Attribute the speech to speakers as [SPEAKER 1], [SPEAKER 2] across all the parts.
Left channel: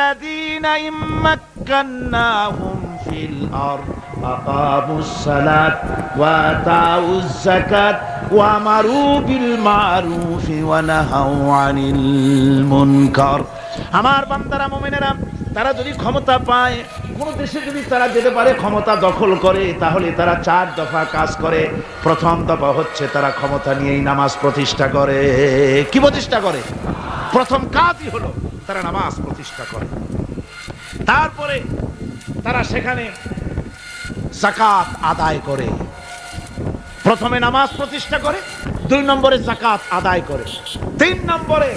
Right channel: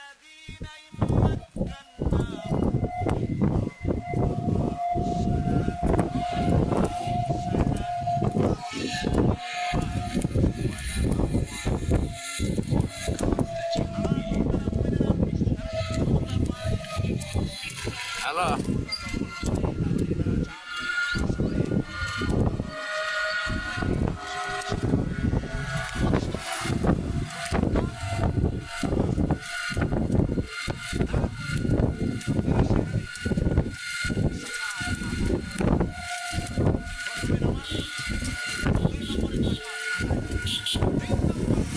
[SPEAKER 1] الذين إن مكناهم في الأرض أقاموا الصلاة وآتوا الزكاة وأمروا بالمعروف ونهوا عن المنكر আমার বান্দারা মোমেনেরা তারা যদি ক্ষমতা পায় কোন দেশে যদি তারা যেতে পারে ক্ষমতা দখল করে তাহলে তারা চার দফা কাজ করে প্রথম দফা হচ্ছে তারা ক্ষমতা নিয়েই নামাজ প্রতিষ্ঠা করে কি প্রতিষ্ঠা করে প্রথম কাজই হলো তারা নামাজ প্রতিষ্ঠা করে তারপরে তারা সেখানে জাকাত আদায় করে। প্রথমে নামাজ প্রতিষ্ঠা করে, দুই নম্বরে জাকাত আদায় করে। তিন নম্বরে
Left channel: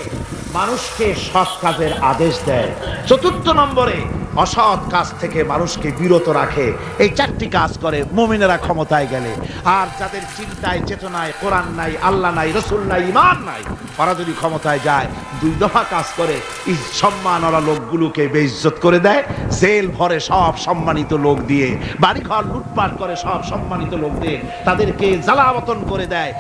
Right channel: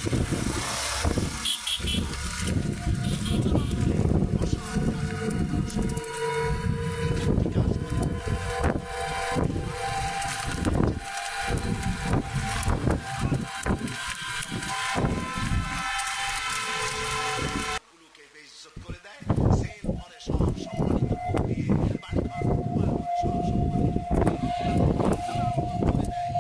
[SPEAKER 1] মানুষকে সৎ কাজের আদেশ দেয়। চতুর্থ নম্বরে অসৎ কাজ থেকে মানুষকে বিরত রাখে। এই চারটি কাজ করে মুমিনেরা ক্ষমতায় গেলে। আর যাদের চিন্তায়, চেতনায়, কোরআন নাই, আল্লাহ নাই, রসুল নাই ইমান নাই ওরা যদি ক্ষমতায় যায়, দুই দফা কাজ করে, এই সম্মানওয়ালা লোকগুলোকে বেইজ্জত করে দেয়, জেল ভরে সব সম্মানিত লোক দিয়ে, বাড়িঘর লুটপাট করে সব সম্মানিত লোক দিয়ে তাদেরকে জ্বালাবতন করে দেয়,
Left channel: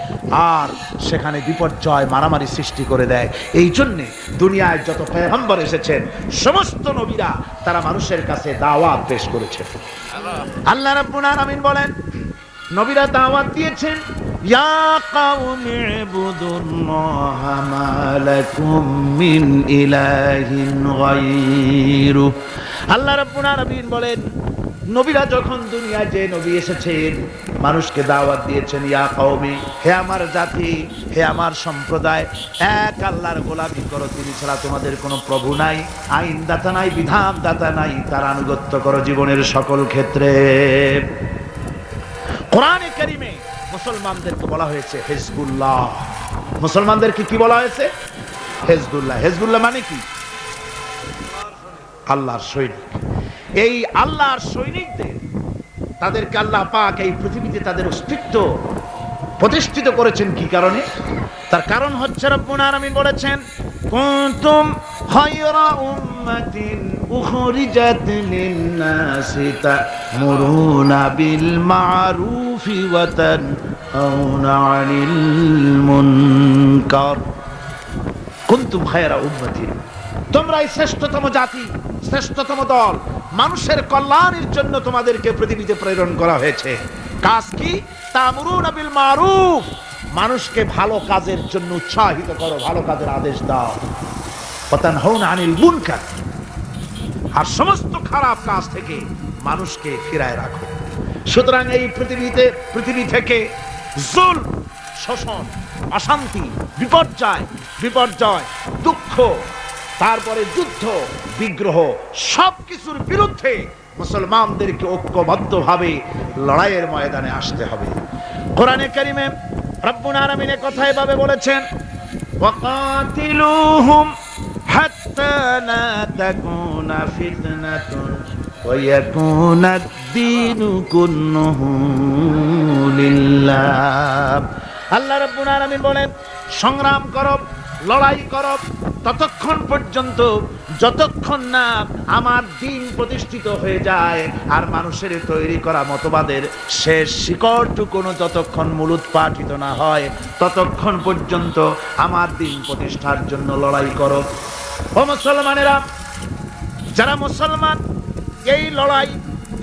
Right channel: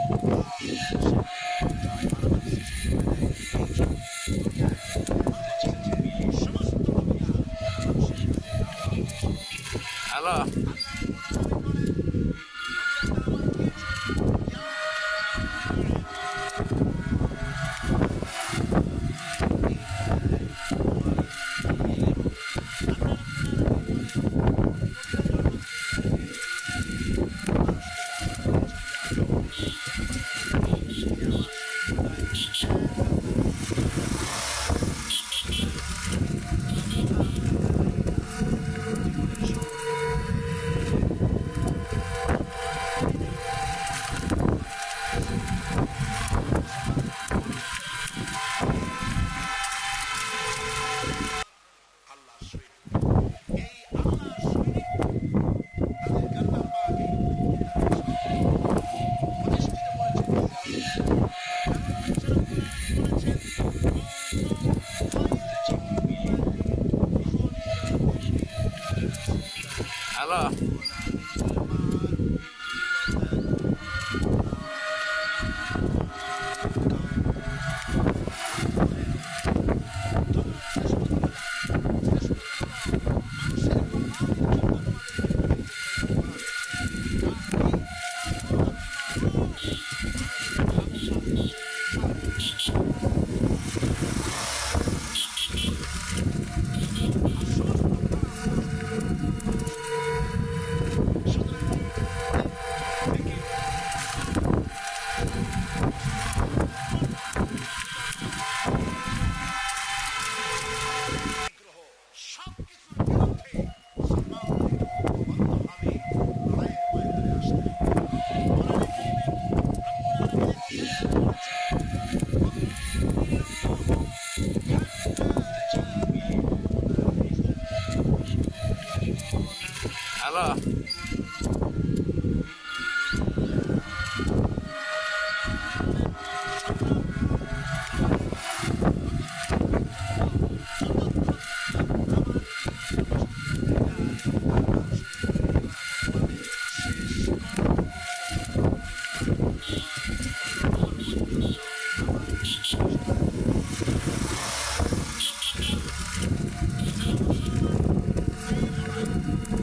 [SPEAKER 1] আর সেখানে বিপর্যয়, মারামারি সৃষ্টি করে দেয়। এই জন্যে দুনিয়ায় যত পেগম্বর এসেছেন, সমস্ত নবীরা তারা মানুষের কাছে দাওয়াত পেশ করেছে। আল্লাহ রাব্বুল আলামিন বলেন নবীরা দাওয়াত দিয়েছেন, ইয়া আল্লাহ রাব্বুল বলেন, নবীরা যখন দুনিয়ায় যে নবী এসেছেন, মানুষকে দাওয়াত দিয়েছেন, ইয়া কওমি, হে আমার জাতি, হে আমার সম্প্রদায়, এক আল্লাহর গোলাপি করো, তুমি ছাড়া তোমাদের কোনো প্রভু নাই আইন দাতা নাই বিধান দাতা নাই, তার আনুগত্য করো জীবনের সকল ক্ষেত্রে। কোরআনে কারিমে মুসলমানদেরকে বলা হয়েছে হেজবুল্লাহ। মুসলমানদেরকে কি বলা হয়েছে? হেজবুল্লাহ। হেজবুল্লাহ মানে কি? আল্লাহর সৈনিক। এই আল্লাহর সৈনিকদের, তাদেরকে আল্লাহ পাক এই পৃথিবীতে তাদের অস্তিত্ব প্রতিষ্ঠিত করেছেন কি কারণে? তার কারণ হচ্ছে রব্বুল আলামিন বলেছেন, কুনতুম খায়রা উম্মাতিন উম্মাতিন তোমরাই শ্রেষ্ঠতম জাতি, শ্রেষ্ঠতম দল। মানুষের কল্যাণের জন্য তোমাদেরকে পৃথিবীতে প্রেরণ করা হয়েছে। কাজ কি? মারুফ। মানুষকে ভালো কাজের জন্য উৎসাহিত করো, ভালো কাজের আদেশ দাও। পতান হন আনিল মুনকার। আর সমস্ত খারাপ কাজ থেকে মানুষকে ফিরায় রাখো সুতরাং এই পৃথিবীতে পৃথিবী থেকে জুল শোষণ অশান্তি বিপর্যয় বিপর্যয় দুঃখ তারপরে যুদ্ধ বিগ্রহ সব কিছুর বিরুদ্ধে মুসলমানদেরকে ঐক্যবদ্ধভাবে লড়াইয়ের ময়দানে আসতে হবে কোরআনে কারিমে রব্বুল আলামিন এ কথা এভাবে বলেছেন وقاتلوهم حتى لا تكون فتنة ويكون الدين كله لله আল্লাহ রাব্বুল আলামিন বলেন সংগ্রাম করো লড়াই করো ততক্ষণ পর্যন্ত যতক্ষণ না আমার দিন প্রতিষ্ঠিত হয়ে যায় আর মানুষের তৈরি করা মতবাদের শেষ শিকড়টুকুনো যতক্ষণ মূলোৎপাটিত না হয় ততক্ষণ পর্যন্ত আমার দিন প্রতিষ্ঠার জন্য লড়াই করো ও মুসলমানেরা যারা মুসলমান, এই লড়াই,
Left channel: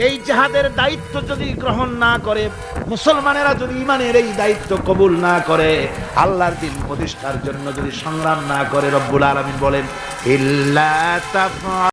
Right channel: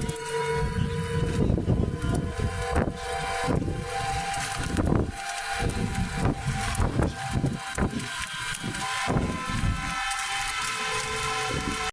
[SPEAKER 1] এই জাহাদের দায়িত্ব যদি গ্রহণ না করে, মুসলমানেরা যদি ইমানের এই দায়িত্ব কবুল না করে, আল্লাহর দিন প্রতিষ্ঠার জন্য যদি সংগ্রাম না করে রব্বুল আলমী বলেন